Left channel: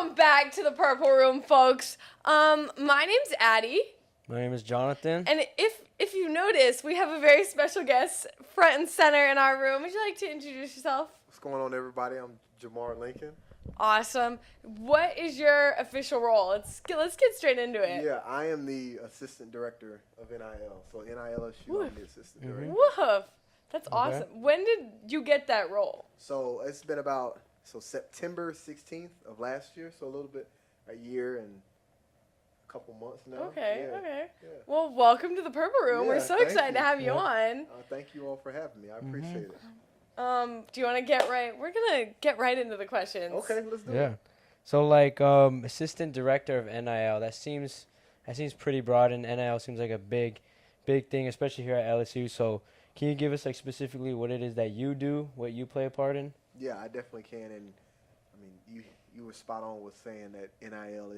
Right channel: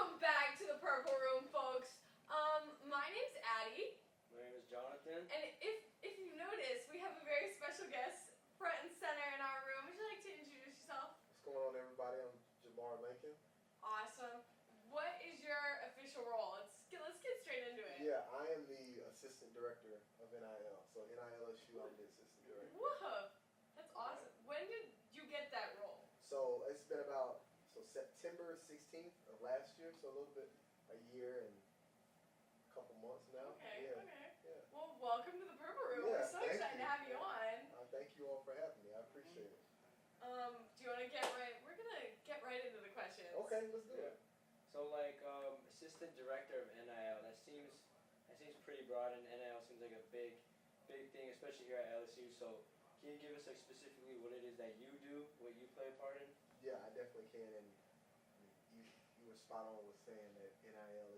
Welcome back to the Purple Room, folks. My name's Addi. My name is Jonathan. And if you notice, we have a very special guest front and center in our room. Would you like to introduce yourself? What's going on, everybody? I'm Jemar Lincoln. Awesome. What is your official role? Let's get straight into it. Yeah, I am the Assistant Director of NIL. So NILSU, I'm the Assistant Director. Woof. That's awesome. When did you get that role? So it's been about September 16th of last year, so a year and a couple months now. Okay. Yeah. Well, welcome to the Purple Room. Yeah, We're so thank excited you. to have you on. Thank you all for having me. I appreciate it. Do you want to get right? We're going to get right into the questions. Okay, let's do it. Yeah. So Assistant Director of NIL, that seems pretty broad, and NIL seems like a big thing, especially here at LSU. So can you give us specifically what it is that you do, what you play a part in? Yeah, I definitely can. And I mean, you were spot on with saying that NIL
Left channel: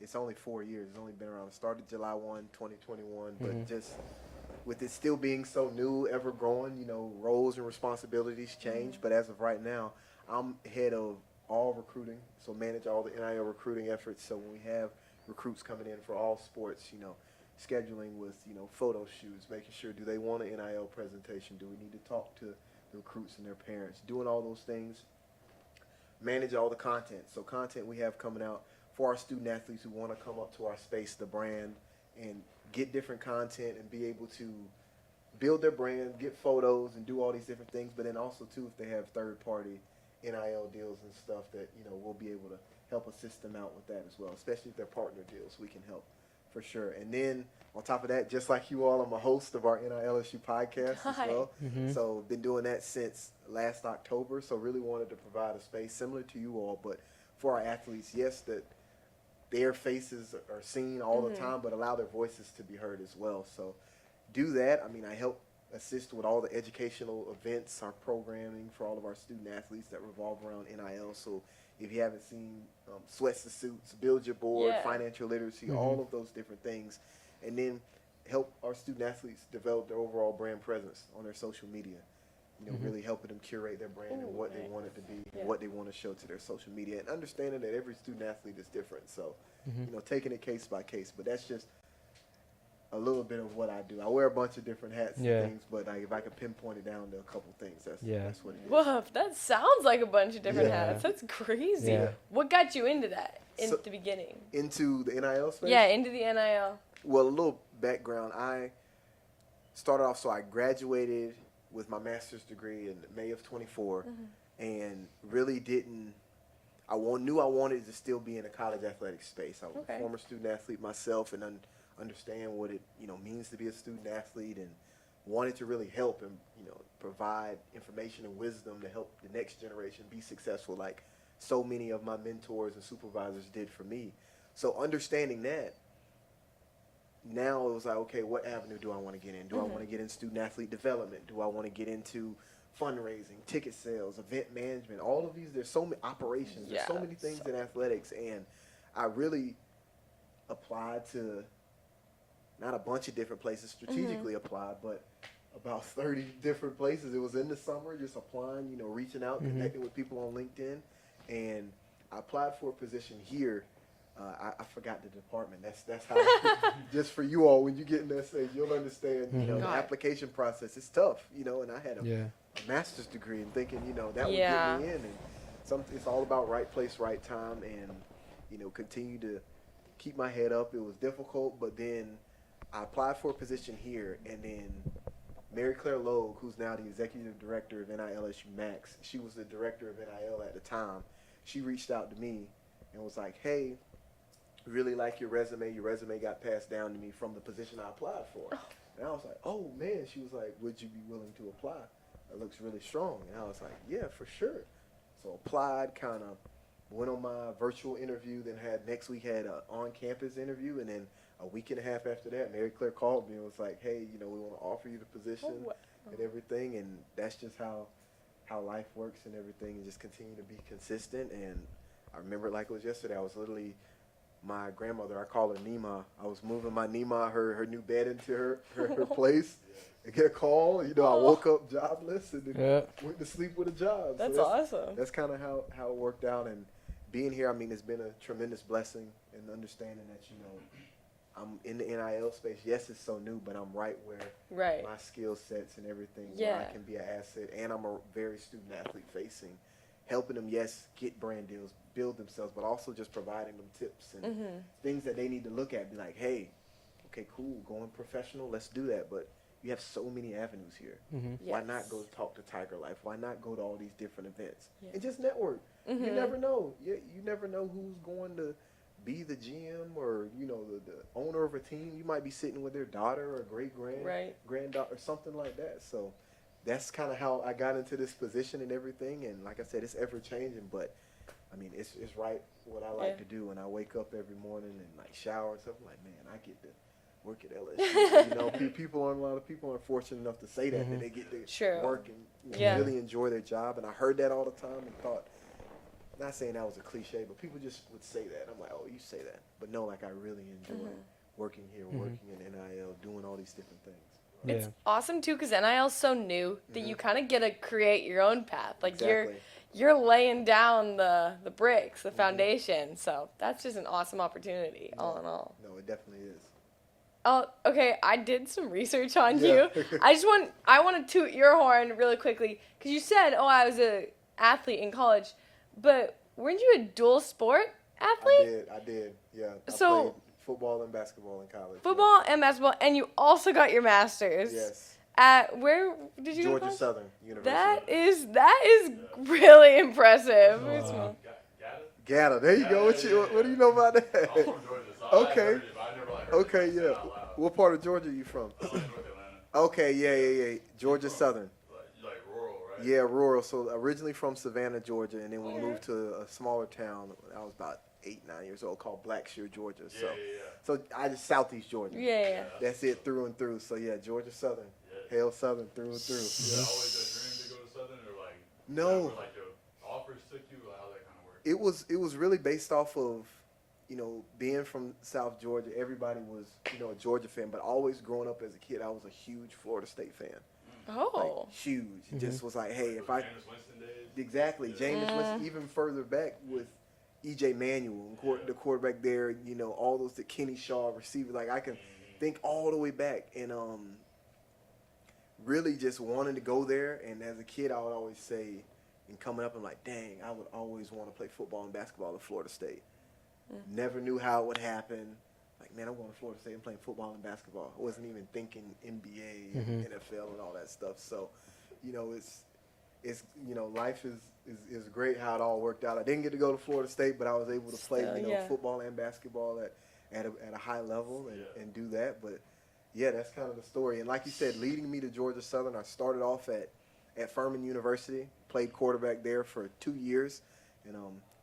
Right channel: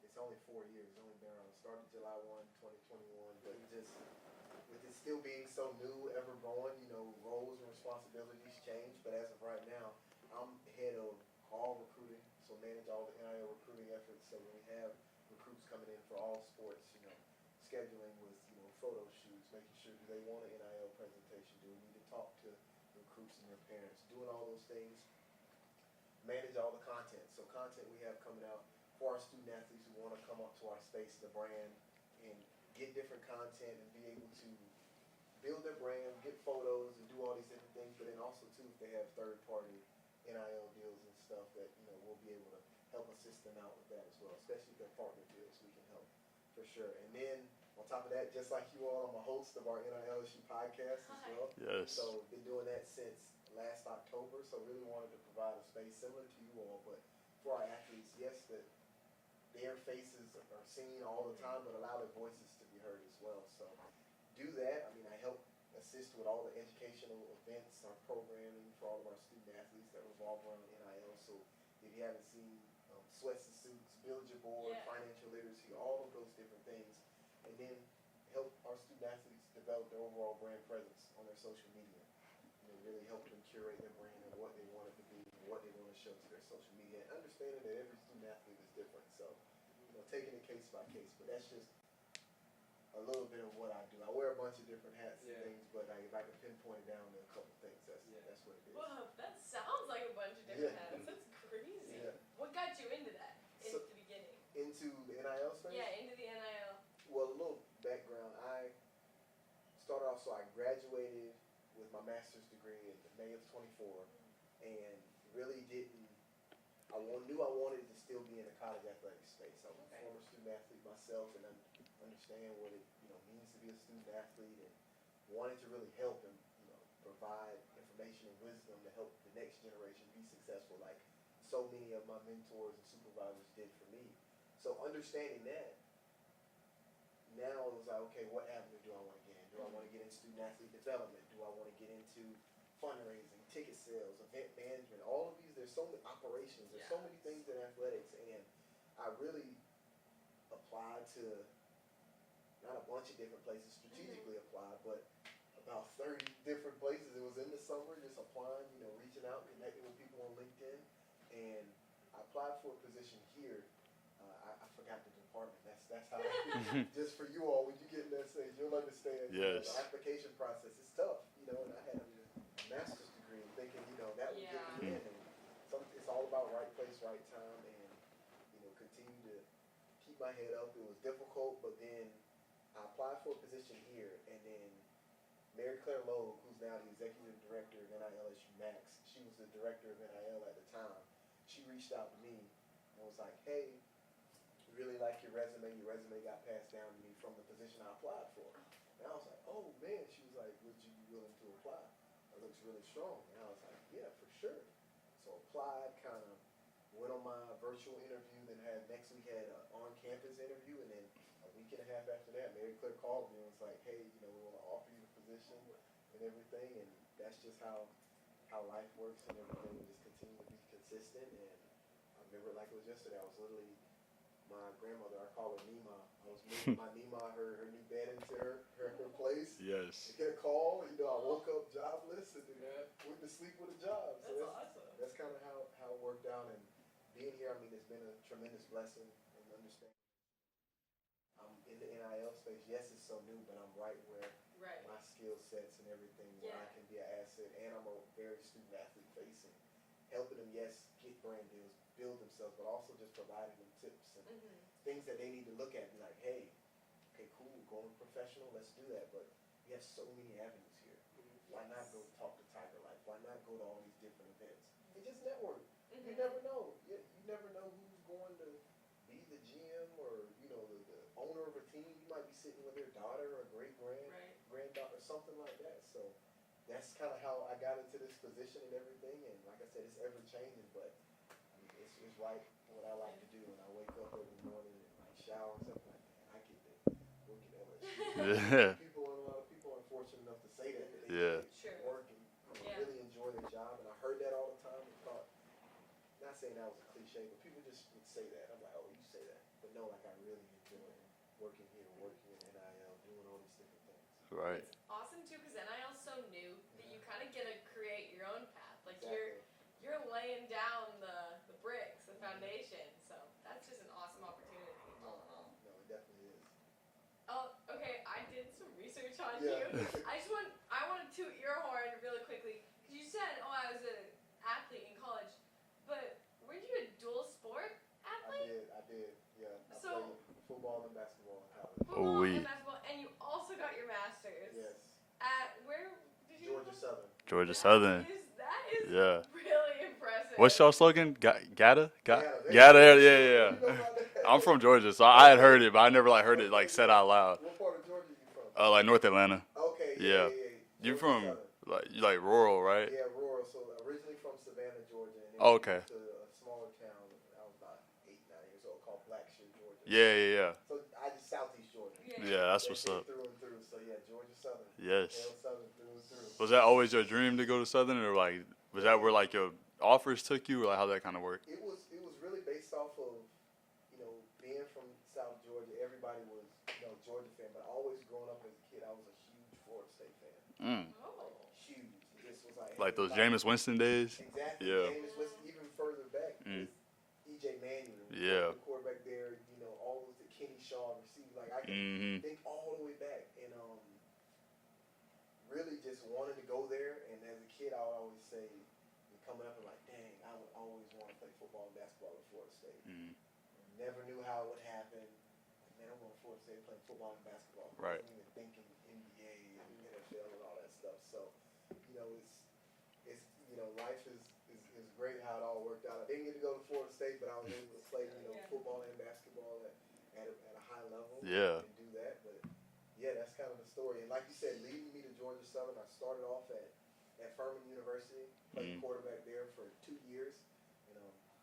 it's only 4 years. It's only been around. It started July 1, 2021, but just with it still being so new, ever growing, roles and responsibilities change. But as of right now, I'm head of all recruiting, so manage all the NIL recruiting efforts. So when we have recruits coming in for all sports, scheduling with, photo shoots, making sure, do they want an NIL presentation? Do we need to talk to the recruits and their parents? Doing all those things, manage all the content. So content we have coming out for our student athletes who want to come up to our space, the brand, and get different content and be able to build their brand, get photos, and do all these different things. But then also, too, if they have third-party NIL deals and stuff that, we'll be able to help assist them out with that as well, especially if they're partner deals. We can help for sure. And then on top of that, just like you all, I'm a host of our NILSU podcast as well. Yes. So been doing that since last October. So really wanted to provide a space similar to you all, but for our athletes, yes, that their faces are seen all the time, but allow their voices to be heard as well. So do that. I mean, I help assist with all the educational events, our programming for all of our student athletes that revolve around NIL. So if you haven't seen Sweats the Suits, Build Your Board, Financial Literacy, all of those different things, and then help our student athletes develop their overall brand presence on their social media. Really helping them curate their brand and what they want it to be, what they want to show to their social media, and understanding that every student athlete is different. So, taking it case by case. But that's just a little bit of what I do. I wear a bunch of different hats and things, but if I could pinpoint it down to a couple things, that's what it is. Woof, that sounds like a bunch of different hats. That's crazy. Yeah. What got you into that in the beginning? Into the NIL space? Yeah, into the NIL. Well, a little background. I started off, so I graduated with my master's degree in May of 24, and really knew I wanted to still be in a college athletic space. I was a former student athlete myself and understand what it means to be a student athlete, and wanted to really help and provide information and wisdom to help the next generation be successful like so many of my mentors and supervisors did for me. So understanding that, now it was like, okay, what avenue do I want to get in? Do I want to get in student athlete development? Do I want to get into fundraising, ticket sales, event management, all of these? There's so many operations. There's so many things in athletics, and I really applied to not a bunch of different places, strategically applied, but about 30 different places. It was in the summer, just applying, reaching out, connecting with people on LinkedIn, and I applied for a position here. I forgot the department. That's how. Just for you all, when you get in that stage, you'll understand. The application process is tough. And I had a master's degree, and thinking, that would get me in. And it's all about right place, right time, and continue to keep my head up. It was difficult, but then I applied for a position here, and then Mary Claire Logue, who's now the executive director of NILSU Max, she was the director of NIL at the time. She reached out to me and was like, "Hey, really like your resume. Your resume got passed down to me from the position I applied for." And I was like, "Oh, man." She was like, "Would you be willing to apply? It looks really strong." And I was like, "Yeah, for sure." So applied, kind of went on my virtual interview, then next week had an on-campus interview, and then a week and a half after that, Mary Claire called me and was like, "Hey, we want to offer you the position and everything." And that's just how life works and everything, and just continue to be consistent. And I remember it like it was yesterday. I was literally, my grandmother, I call her Nima. I was moving my Nima, her new bed into her place. Yes. I get a call. I woke up jobless and then went to sleep with a job. That's so awesome. That's kind of how it worked out. And being here, I mean, it's been a tremendous blessing and understanding that, you know, I'm in the NIL space. Yes, it's so new, but I'm right where my skill sets and everything where I can be an asset. And I'm a very student-athlete facing, helping them, yes, get brand deals, build themselves, but also just providing them tips and things that they need to look at. Be like, hey, okay, cool, going professional, let's do that. But you have so many avenues here. Why not go talk to Tiger Life? Why not go to all these different events and just network? You never know. You never know who's going to be the GM or, you know, the owner of a team. You might be sitting with their daughter or granddaughter or something like that. So that's kind of how I got into this position and everything. And like I said, it's ever changing, but I mean, it's right what I like to do. And I wake up every morning and like shower and stuff. I'm like, man, I get to work at LSU. You know, a lot of people aren't fortunate enough to say that they get to work and really enjoy their job. And I heard that all the time and thought, not saying that was a cliche, but people just would say that. I'm like, oh, you say that. But no, like I really enjoy working here, working in NIL, doing all these different things. Right. It's awesome, too, because NIL is so new that you kind of get to create your own path. Like, you're laying down the bricks, the foundation. So that's just an awesome opportunity, all in all. No, it definitely is. Oh, okay, I did some research on you. I want to toot your horn really quickly, because you said, oh, I was an athlete in college. But weren't you a dual sport athlete? I did, yeah. I so played football and basketball in college. Football and basketball, and you also got your master's. Yes. At where did you go? Georgia Southern. That is really impressive. What's y'all slogan? Gata? Gata. There you go. Yeah. What do you know about that? I'm from Georgia, so I had heard it, but I never heard it said out loud. What part of Georgia are you from? Like North Atlanta. Okay, yeah. Georgia Southern. Like rural, right? Yeah, rural. So originally from Savannah, Georgia, and then we moved to a smaller town. I was about 8, 9 years old, called Blackshear, Georgia. Yeah. So I just Southeast Georgia. Yeah, that's it up. Through and through. So yeah, Georgia Southern. Yes. Hail Southern through and through. Was that always your dream to go to Southern, or like was that where like your offers took you, or like how that kind of worked? It was really based off of, you know, being from South Georgia. Everybody was, you know, a Georgia fan, but always growing up as a kid, I was a huge Florida State fan. Like, huge. Just was like, hey, like those Jameis Winston days. Exactly. Jameis Winston, even further back with E.J. Manuel, the quarterback there, you know, all those, the Kenny Shaw receivers. Like, I can think all the way back. And really just wanting to go there. And as a kid, I would always say, and coming up, I'm like, dang, I would always want to play football and basketball at Florida State. Never knew how it would happen. Like, man, I'm going to Florida State and playing football and basketball. I wasn't even thinking NBA and NFL and all that stuff. So, you know, it's you know, life is great how it all worked out. I didn't get to go to Florida State, but I was able to play, football and basketball at a high level and do that. But, yeah, that's kind of the story. And like you said, leading me to Georgia Southern, I started off at Furman University, played quarterback there for 2 years, and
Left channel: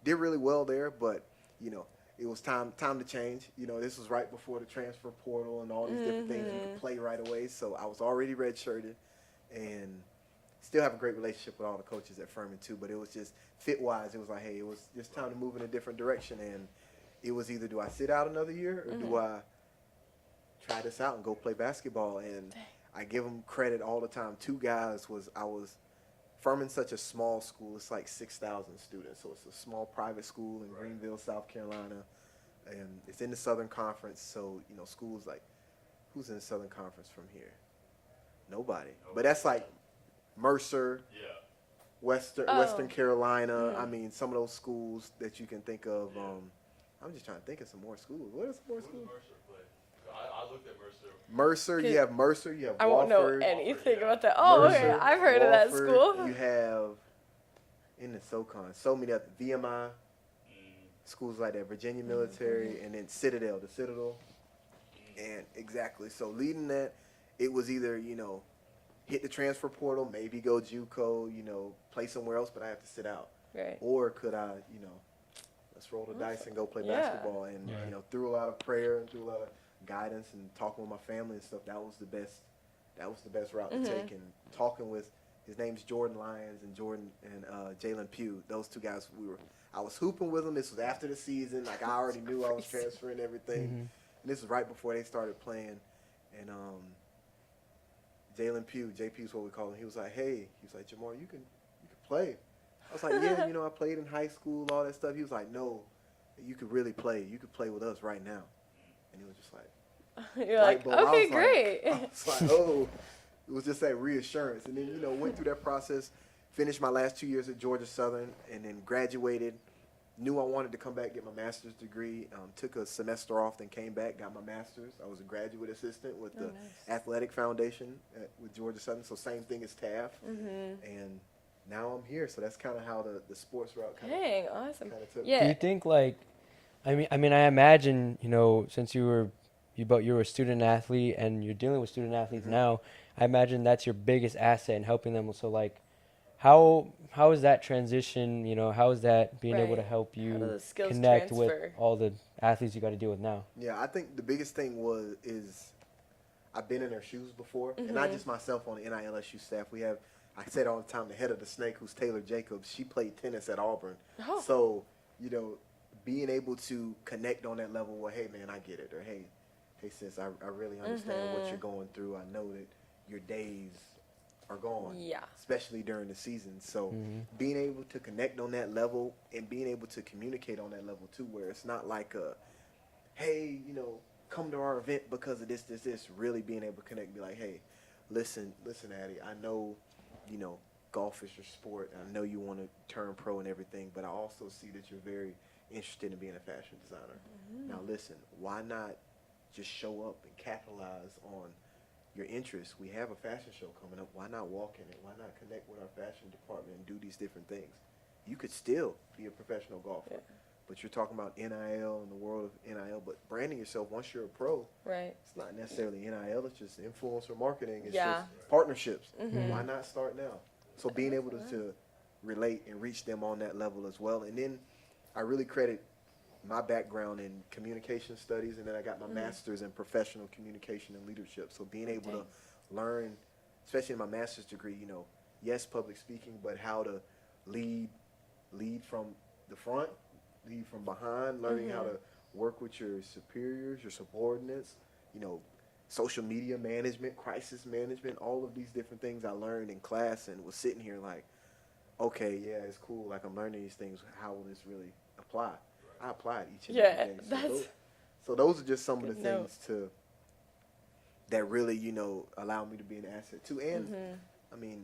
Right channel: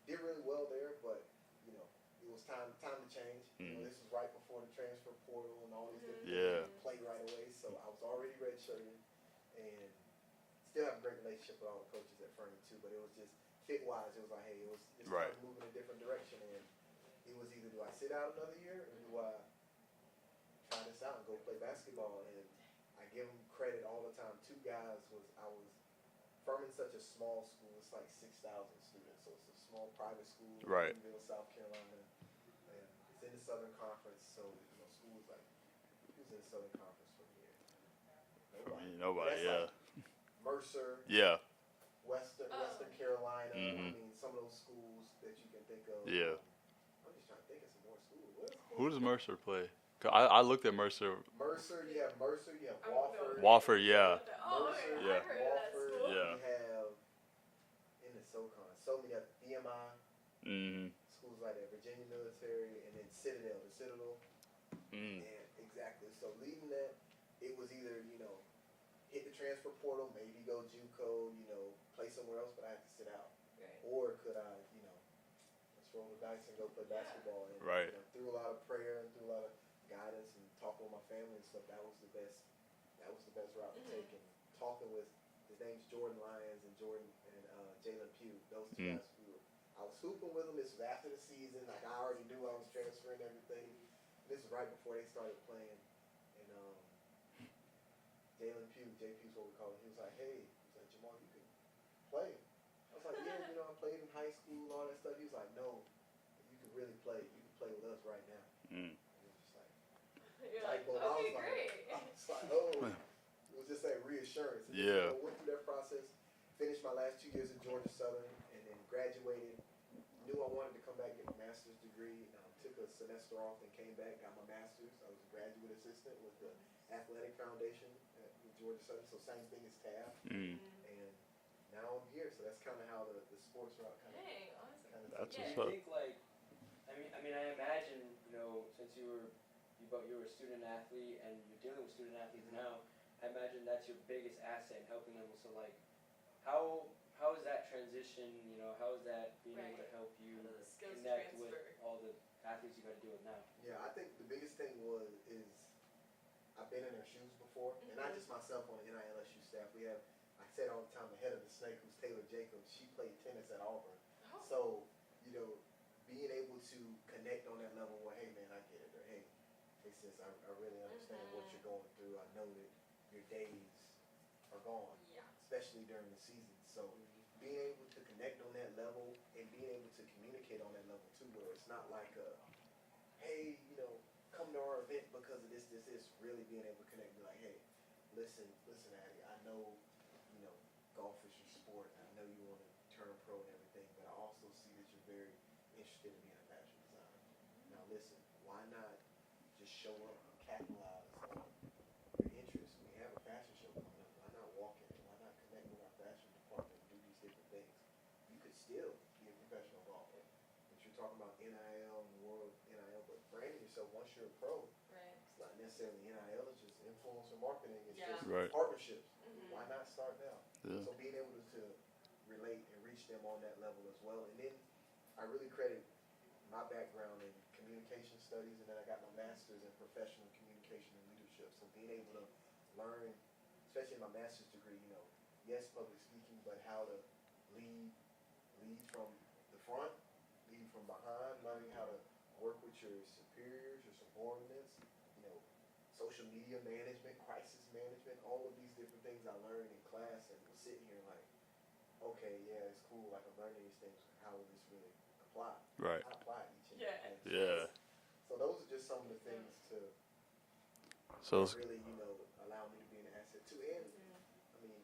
did really well there. But, you know, it was time to change. You know, this was right before the transfer portal and all these different things. You have to play right away. So I was already redshirted and still have a great relationship with all the coaches at Furman too. But it was just fit-wise, it was like, hey, it was just time to move in a different direction. And it was either do I sit out another year or do I try this out and go play basketball? And I give them credit all the time. 2 guys Furman's such a small school. It's like 6,000 students. So it's a small private school in Greenville, South Carolina. And it's in the Southern Conference. So, you know, schools like, who's in the Southern Conference from here? Nobody. But that's like Mercer. Yeah. Western Carolina. I mean, some of those schools that you can think of. Yeah. I'm just trying to think of some more schools. Who does Mercer play? I looked at Mercer. You have Mercer, you have I won't know anything Wofford, about that. Oh, Mercer, okay. I've heard of that school. You have in the SoCon, so many other VMI schools like that, Virginia Military, and then Citadel, the Citadel. And exactly. So leading that, it was either, you know, hit the transfer portal, maybe go JUCO, you know, play somewhere else, but I have to sit out. Right. Or could I, you know, let's roll the dice and go play basketball. And, you know, through a lot of prayer and through a lot of guidance and talking with my family and stuff, that was the best route to take. And talking with, his name's Jordan Lyons and Jalen Pugh, those 2 guys, I was hooping with them. This was after the season. Like, I already knew I was transferring everything. And this was right before they started playing. And Jalen Pugh, JP is what we call him, he was like, hey, Jamar, you can play. I was like, yeah, you know, I played in high school, all that stuff. He was like, no, you could really play. You could play with us right now. And he was just like, You're like, bulb. okay, great. I was like, oh, it was just that reassurance. And then, you know, went through that process, finished my last 2 years at Georgia Southern, and then graduated. Knew I wanted to come back, get my master's degree. Took a semester off, then came back, got my master's. I was a graduate assistant with the Athletic Foundation with Georgia Southern, so same thing as TAF. And now I'm here, so that's kind of how the sports route kind of. Dang, awesome. took. Do you think like, I mean, I imagine, you know, since you were a student athlete and you're dealing with student athletes now, I imagine that's your biggest asset in helping them. So like, how is that transition? You know, how is that being able to help How you do the skills connect with transfer? all the athletes you got to deal with now? Yeah, I think the biggest thing is I've been in their shoes before, and not just myself on the NILSU staff. We have, I said all the time, the head of the snake, who's Taylor Jacobs. She played tennis at Auburn, so you know, being able to connect on that level where, hey man, I get it, or hey sis, I really understand what you're going through. I know that your days are gone, especially during the season. So being able to connect on that level and being able to communicate on that level too, where it's not like a, hey, you know, come to our event because of this. Really being able to connect and be like, hey, listen, Addi, I know, you know, golf is your sport. I know you want to turn pro and everything, but I also see that you're very interested in being a fashion designer. Now listen, why not just show up and capitalize on your interests? We have a fashion show coming up. Why not walk in it? Why not connect with our fashion department and do these different things? You could still be a professional golfer, but you're talking about NIL and the world of NIL, but branding yourself once you're a pro, it's not necessarily NIL, it's just influencer marketing. It's just partnerships. Why not start now? So being able to relate and reach them on that level as well. And then I really credit my background in communication studies, and then I got my master's in professional communication and leadership. So being able to learn, especially in my master's degree, you know, yes, public speaking, but how to lead from the front, lead from behind, learning how to work with your superiors, your subordinates, you know, social media management, crisis management, all of these different things I learned in class, and was sitting here like, okay, yeah, it's cool. Like, I'm learning these things. How will this really apply? I applied each and every day. So those are just some of the things that really, you know, allow me to be an asset too. And I mean,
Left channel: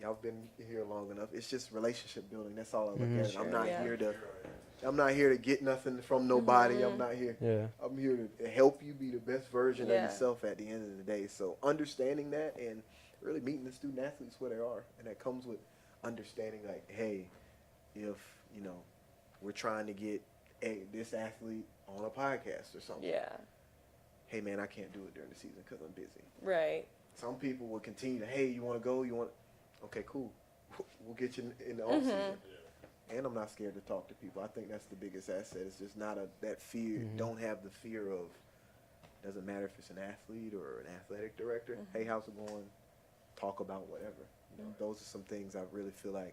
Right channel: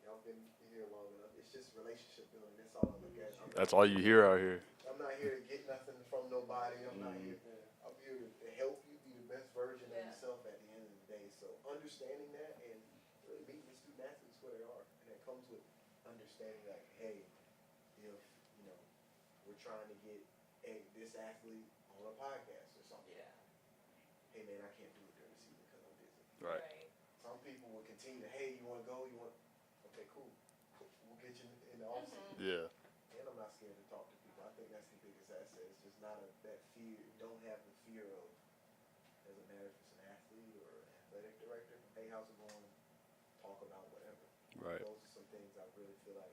y'all been here long enough. It's just relationship building. That's all I look at. I'm not That's all you hear out here. I'm not here to get nothing from nobody. I'm not here. I'm here to help you be the best version of yourself at the end of the day. So understanding that and really meeting the student athletes where they are, and that comes with understanding, like, hey, if, you know, we're trying to get this athlete on a podcast or something. Hey man, I can't do it during the season because I'm busy. Some people will continue to, hey, you want to go? Okay, cool. We'll get you in the off season. And I'm not scared to talk to people. I think that's the biggest asset. It's just not that fear. Don't have the fear of, doesn't matter if it's an athlete or an athletic director. Hey, how's it going? Talk about whatever. Those are some things I really feel like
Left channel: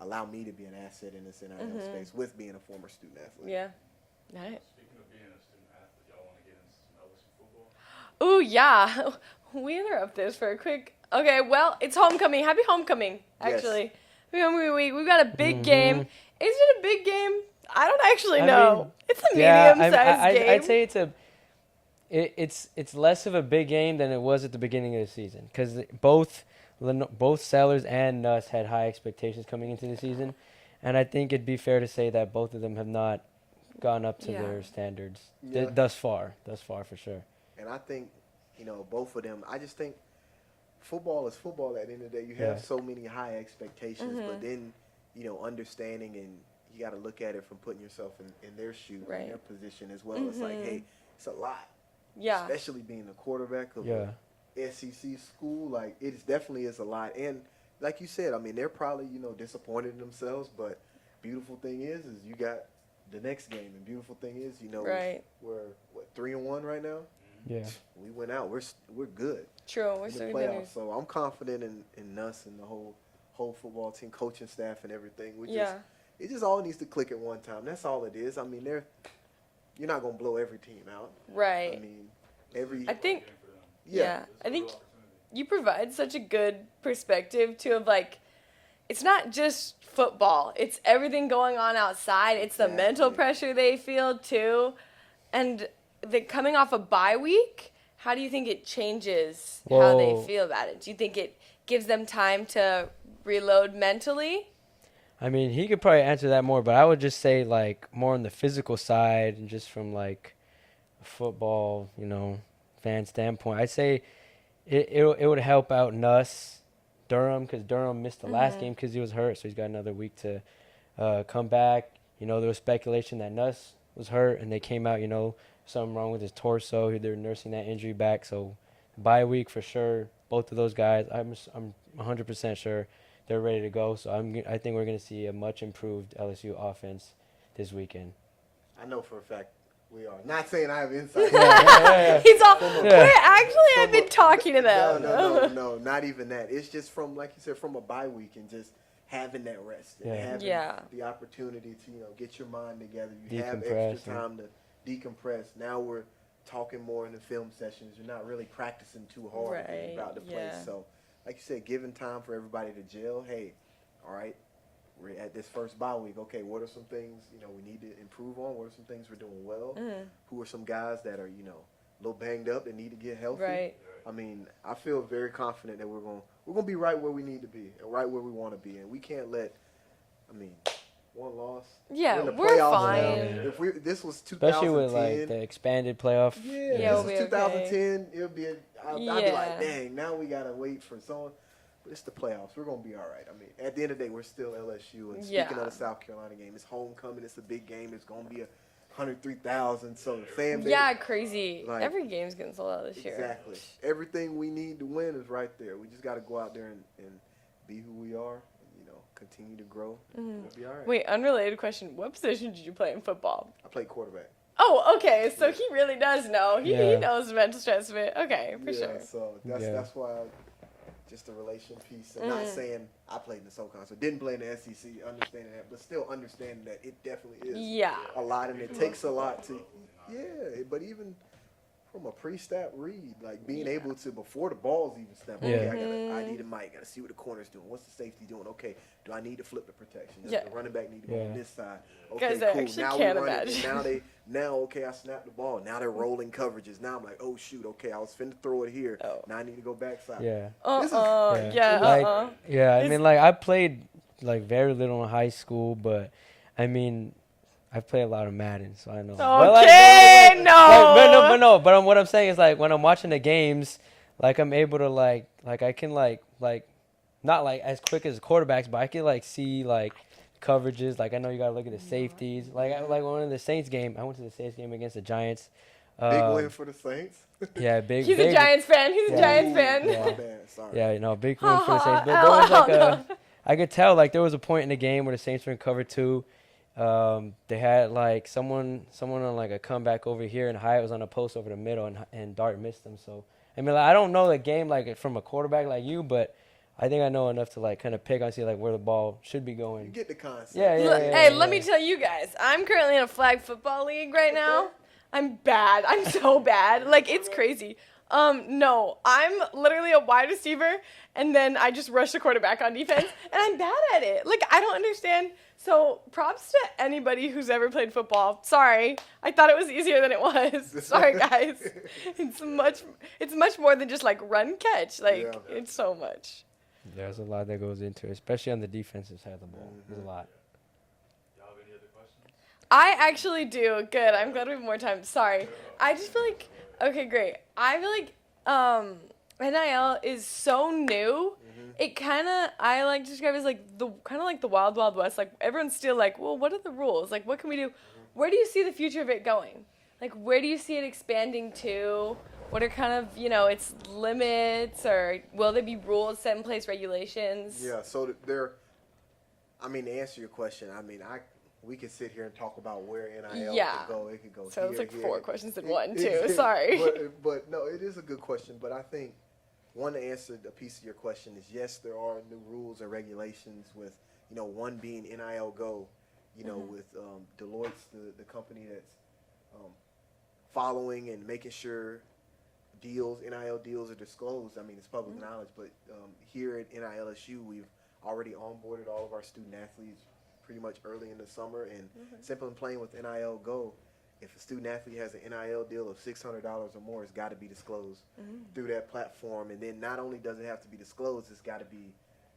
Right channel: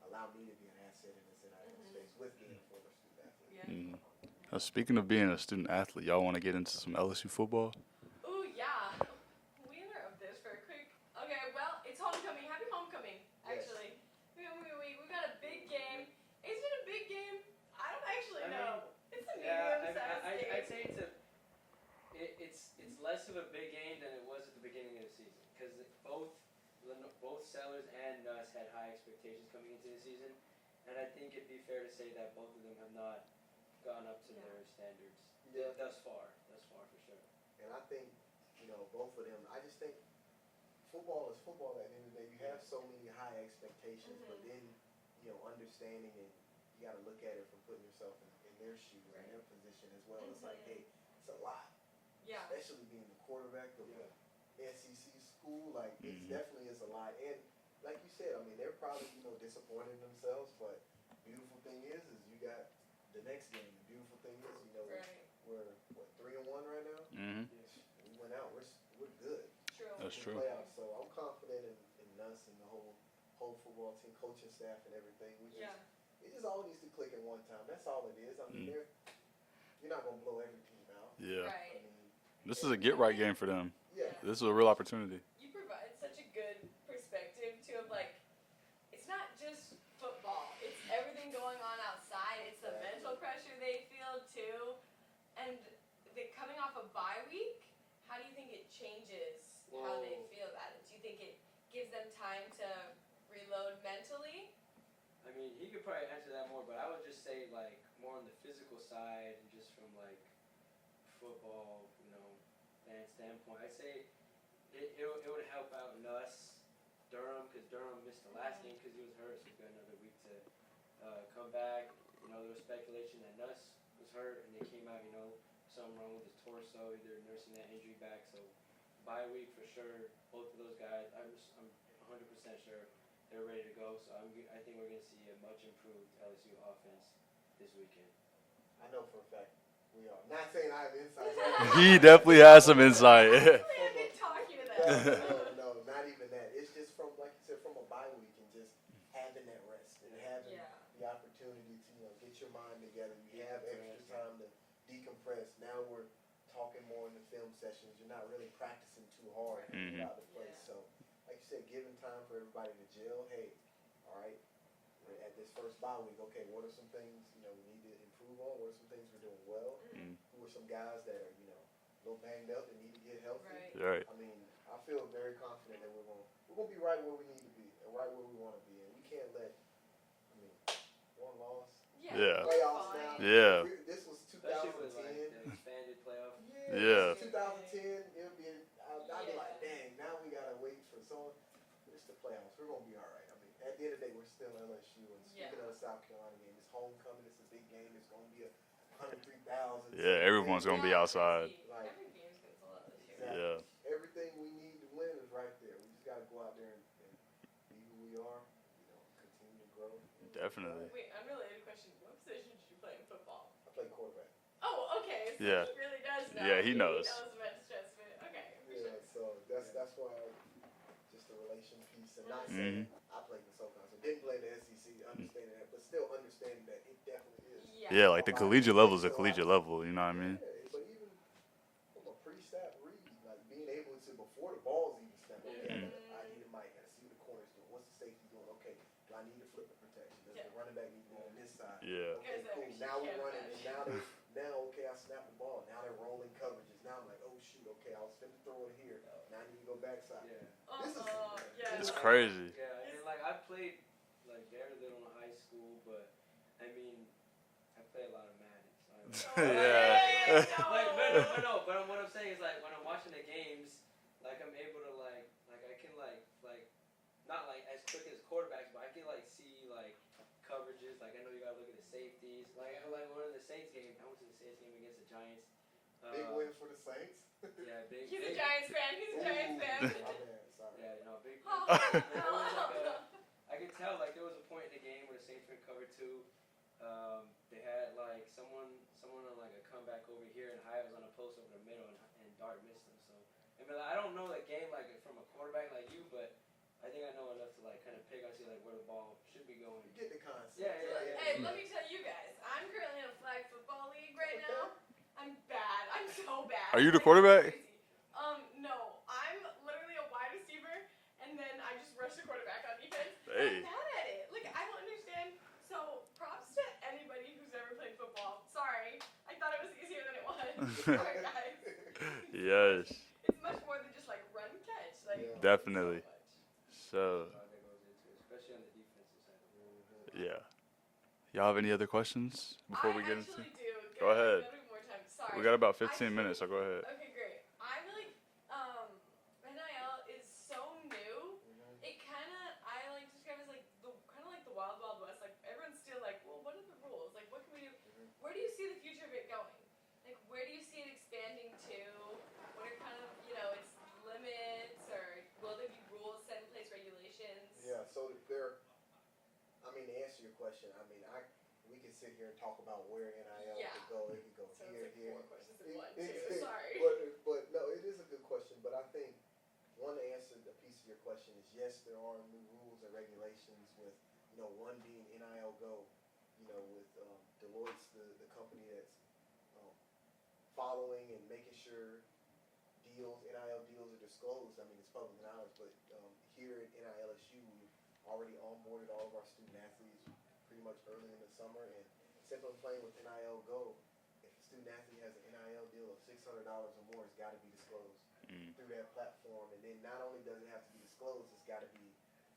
allow me to be an asset in this NIL space with being a former student athlete. Now, speaking of being a student athlete, y'all want to get into some LSU football? Ooh, yeah. We interrupt this for a quick. Okay, well, it's homecoming. Happy homecoming, actually. We've got a big game. Is it a big game? I don't actually know. It's a medium-sized game. I'd say it's less of a big game than it was at the beginning of the season, because both Sellers and Nuss had high expectations coming into the season, and I think it'd be fair to say that both of them have not gone up to their standards thus far for sure. And I think, you know, both of them, I just think football is football at the end of the day. You have so many high expectations, but then, you know, understanding, and you got to look at it from putting yourself in their shoe, in their position as well. It's like, hey, it's a lot. Especially being the quarterback of a SEC school, like, it definitely is a lot. And like you said, I mean, they're probably, you know, disappointed in themselves, but beautiful thing is you got the next game, and beautiful thing is, you know, we're 3-1 right now. We went out. We're good. True. We're in the playoffs. So I'm confident in us and the whole football team, coaching staff, and everything. It just all needs to click at one time. That's all it is. I mean, you're not gonna blow every team out. I mean, this is a get-right game for them. This is a real opportunity. You provide such a good perspective to, of, like, it's not just football. It's everything going on outside. It's the mental pressure they feel too. And coming off a bye week, how do you think it changes how they feel about it? Do you think it gives them time to reload mentally? I mean, he could probably answer that more, but I would just say, like, more on the physical side and just from, like, a football, fan standpoint. I'd say it would help out Nuss, Durham, because Durham missed the last game because he was hurt, so he's got another week to come back. There was speculation that Nuss was hurt, and they came out, something wrong with his torso. They were nursing that injury back, so bye week for sure. Both of those guys, I'm 100% sure they're ready to go. So I think we're going to see a much improved LSU offense this weekend. I know for a fact we are. Not saying I have insight. He definitely has some insight. Actually, I've been talking to them. No, not even that. It's just from, like you said, from a bye week and just having that rest and having the opportunity to, get your mind together. You have extra time to decompress. Now we're talking more in the film sessions. You're not really practicing too hard about the play. So, like you said, giving time for everybody to gel. Hey, all right, we're at this first bye week. Okay, what are some things, we need to improve on? What are some things we're doing well? Who are some guys that are, a little banged up and need to get healthy? Right. I mean, I feel very confident that we're gonna be right where we need to be and right where we want to be. And we can't let, one loss. Yeah, we're fine. Yeah. This was 2010. Especially with, like, the expanded playoff. Yeah. This was 2010. It'll be I'd be like, dang, now we got to wait for someone. But it's the playoffs. We're going to be all right. I mean, at the end of the day, we're still LSU. And speaking of the South Carolina game, it's homecoming. It's a big game. It's going to be 103,000. So everyone's going to be outside. Crazy. Like, every game's getting sold out this year. Exactly. Everything we need to win is right there. We just got to go out there and be who we are. Continue to grow. Definitely. Right. Wait, unrelated question. What position did you play in football? I played quarterback. Oh, okay. So he really does know. Yeah, he knows the mental stress of it. Okay, for sure. So that's why just the relation piece. And not saying I played in the SoCon, so didn't play in the SEC, understanding that, but still understanding that it definitely is. Yeah, like the collegiate level is the collegiate level. You know what I mean? Yeah, but even from a pre-snap read, like being able to, before the ball's even snapped, I need a mic, got to see what the corner's doing. What's the safety doing? Okay, do I need to flip the protection? Does the running back need to go on this side? Yeah. Okay, Guys, I cool. actually Now can't we run imagine. okay, I snapped the ball. Now they're rolling coverages. Now I'm like, oh, shoot, okay, I was finna throw it here. Now I need to go backside. Yeah. Crazy. Yeah, I mean, like, I played, like, very little in high school, but, I mean, I've played a lot of Madden, so I know. Okay, But what I'm saying is, like, when I'm watching the games, like, I'm able to, like I can, like, not, like, as quick as quarterbacks, but I can, like, see, like, coverages. Like, I know you got to look at the safeties. Like, one of the Saints game, I went to the Saints game against the Giants. Big win for the Saints. Yeah, big. He's a Giants fan. He's a Giants fan. My bad, sorry. Yeah, big win for the Saints. But there was, like, I could tell, like, there was a point in the game where the Saints were in cover 2. They had, like, someone on, like, a comeback over here, and Hyatt was on a post over the middle, and Dart missed them. So, I mean, like, I don't know the game, like, from a quarterback like you, but I think I know enough to, like, kind of pick on, see, like, where the ball should be going. You get the concept. Let me tell you guys, I'm currently in a flag football league right now. I'm bad. I'm so bad. Are you like, the it's quarterback? crazy. No, I'm literally a wide receiver, and then I just rush the quarterback on defense, and I'm bad at it. Like, I don't understand. So, props to anybody who's ever played football. Sorry, I thought it was easier than it was. Sorry, guys. It's much more than just, like, run catch. Like, it's so much. There's a lot that goes into it, especially on the defensive side of the ball. There's a lot. Yeah. Y'all have any other questions? I actually do. Good. I'm glad we have more time. Sorry. We got about I 15 just feel minutes, like, so go ahead. Okay, great. I feel like NIL is so new. It I like to describe it as like the wild, wild west. Like, everyone's still like, well, what are the rules? Like, what can we do? Where do you see the future of it going? Like, where do you see it expanding to? What are kind of, its limits, or will there be rules set in place, regulations? Yeah, so to answer your question, we could sit here and talk about where NIL could go. It could go so here, it's like here. 4 questions in one, too. Sorry. But no, it is a good question. But I think one answer, a piece of your question is, yes, there are new rules or regulations with, one being NIL Go, with Deloitte's the company that's following and making sure NIL deals are disclosed. I mean, it's public knowledge, but here at NILSU, we've already onboarded all of our student athletes pretty much early in the summer. And simply playing with NIL Go, if a student athlete has an NIL deal of $600 or more, it's got to be disclosed through that platform. And then not only does it have to be disclosed, it's got to be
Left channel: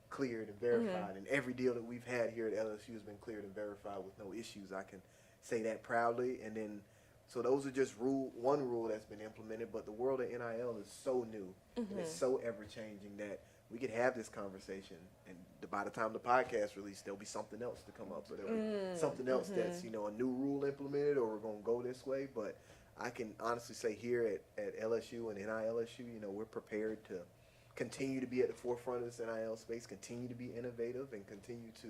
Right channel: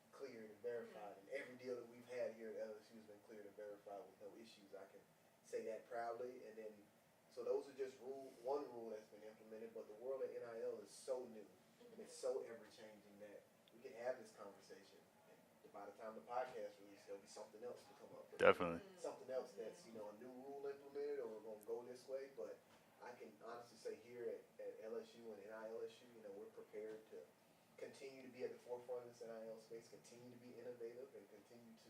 cleared and verified. And every deal that we've had here at LSU has been cleared and verified with no issues. I can say that proudly. And then, so those are just one rule that's been implemented. But the world of NIL is so new and it's so ever changing that we could have this conversation, and by the time the podcast release, there'll be something else to come up. Definitely. Something else that's, a new rule implemented, or we're going to go this way. But I can honestly say here at LSU and NILSU, we're prepared to continue to be at the forefront of this NIL space, continue to be innovative, and continue to